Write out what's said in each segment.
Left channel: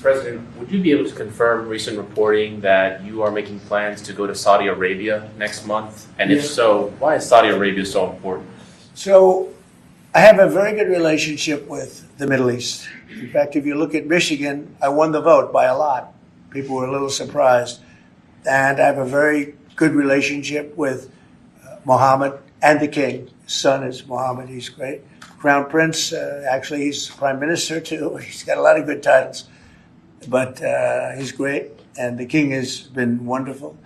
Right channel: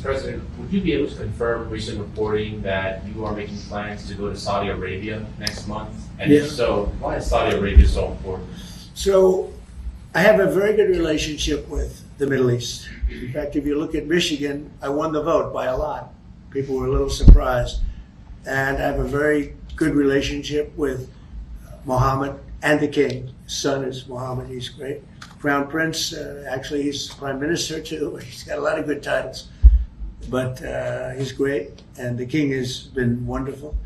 Mr. President, would you be able to confirm recent reporting that you are making plans to go to Saudi Arabia next month? And if so, why is Saudi Arabia so important? So I have a very good relationship with the Middle East. In fact, if you look at Michigan, I won the vote by a lot. People were a little surprised. And I have a very good relationship with Mohammed and the king. His son is Mohammed, he's great. Crown Prince, actually he's Prime Minister too. He's got a lot of good titles, but he's great. And the king has been wonderful.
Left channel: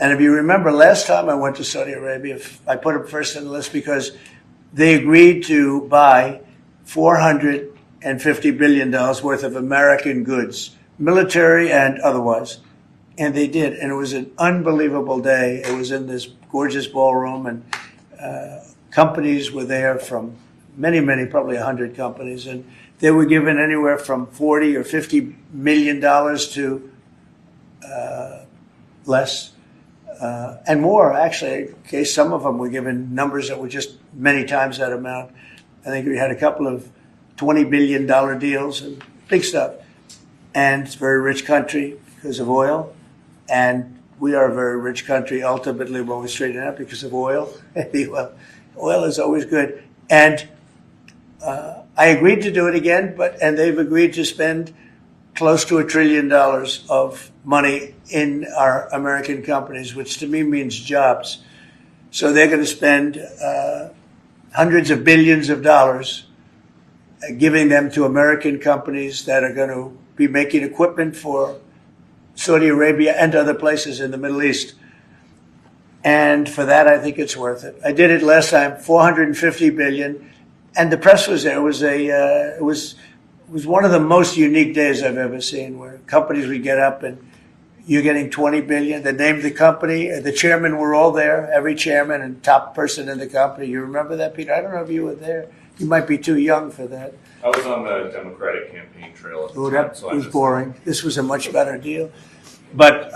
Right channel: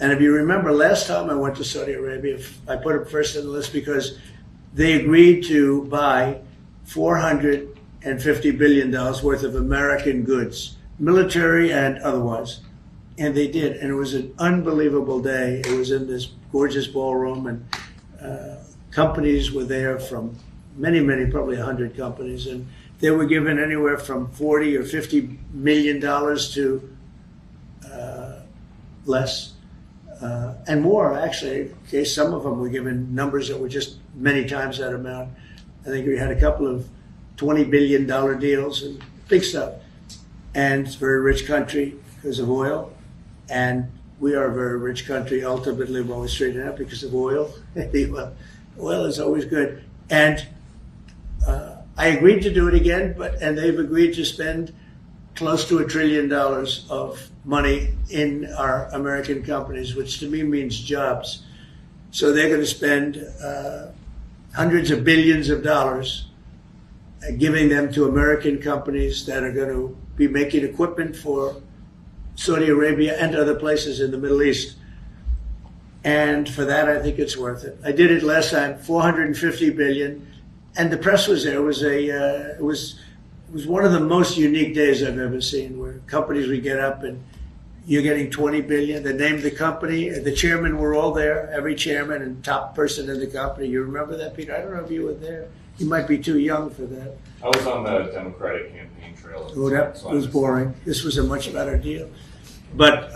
And if you remember, last time I went to Saudi Arabia, I put him first on the list because they agreed to buy $450 billion worth of American goods, military and otherwise. And they did. And it was an unbelievable day. It was in this gorgeous ballroom, and companies were there from many, probably 100 companies. And they were given anywhere from 40 or $50 million to less. And more, actually. Okay, some of them were given numbers that were just many times that amount. I think we had a couple of $20 billion deals, and big stuff. And it's a very rich country because of oil. And we are a very rich country, ultimately, when we straighten it out because of oil. Oil is always good. And I agreed to do it again, and they've agreed to spend close to $1 trillion of money in our American companies, which to me means jobs. So they're going to spend hundreds of billions of dollars giving them to American companies that are going to be making equipment for Saudi Arabia and other places in the Middle East. And for that, I think it's worth it. I did it last time, $450 billion, and the press was there. It was one of the most unique days I've ever seen, where companies would get up and you're getting $20 billion. They named the company, the chairmen were all there, every chairman and top person in the company. You remember that, Peter? I don't know if you were there. You might be too young for that. I was on the Democratic campaign trail. Oh, that was boring. This was a much better deal. But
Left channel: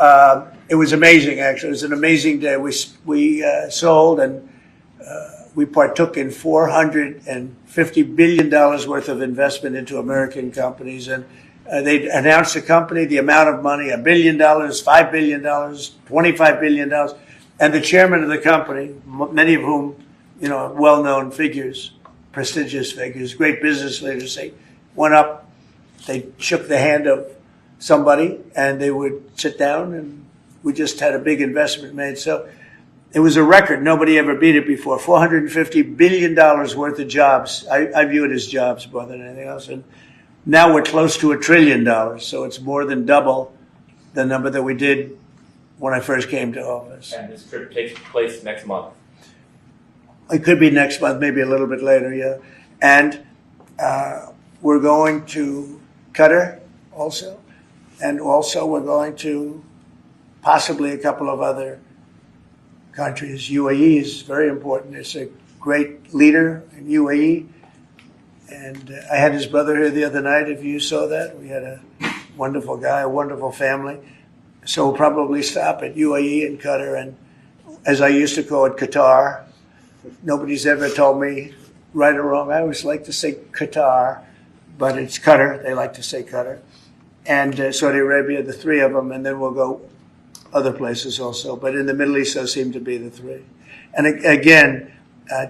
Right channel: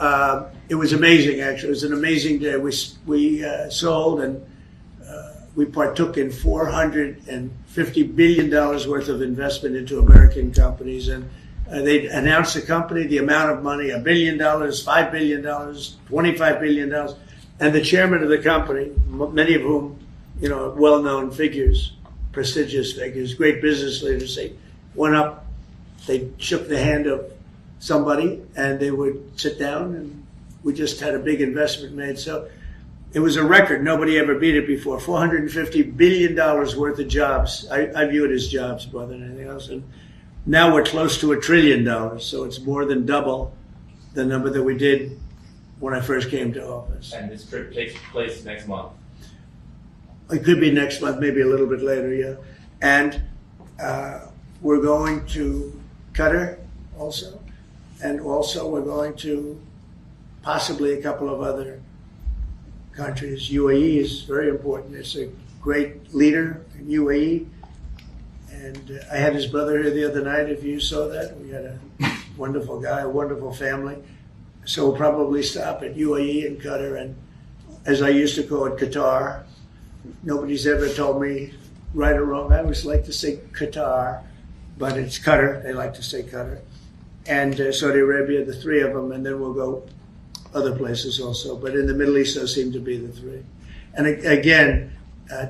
it was amazing, actually. It was an amazing day. We sold and we partook in $450 billion worth of investment into American companies. And they announced the company, the amount of money, $1 billion, $5 billion, $25 billion. And the chairman of the company, many of whom, well-known figures, prestigious figures, great business leaders, they went up, they shook the hand of somebody, and they would sit down, and we just had a big investment made. So it was a record. Nobody ever beat it before. $450 billion worth of jobs. I view it as jobs more than anything else. And now we're close to $1 trillion. So it's more than double the number that we did when I first came to office. And this trip takes place next month. It could be next month, maybe a little bit later, yeah. And we're going to Qatar also. And also we're going to possibly a couple of other countries. UAE is very important. It's a great leader in UAE. And I had his brother here the other night, if you saw that. We had a wonderful guy, a wonderful family. So we'll probably stop at UAE and Qatar, and as I used to call it, Qatar. Nobody's ever told me right or wrong. I always like to say Qatar, but it's Qatar. They like to say Qatar. And Saudi Arabia, the three of them, and then we'll go other places also. But in the Middle East, those seem to be the three. And again,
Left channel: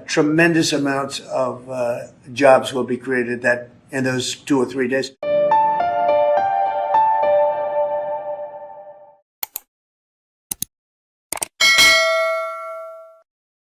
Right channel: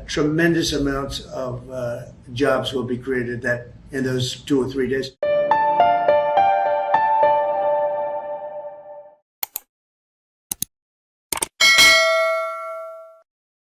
tremendous amounts of jobs will be created in those 2 or 3 days.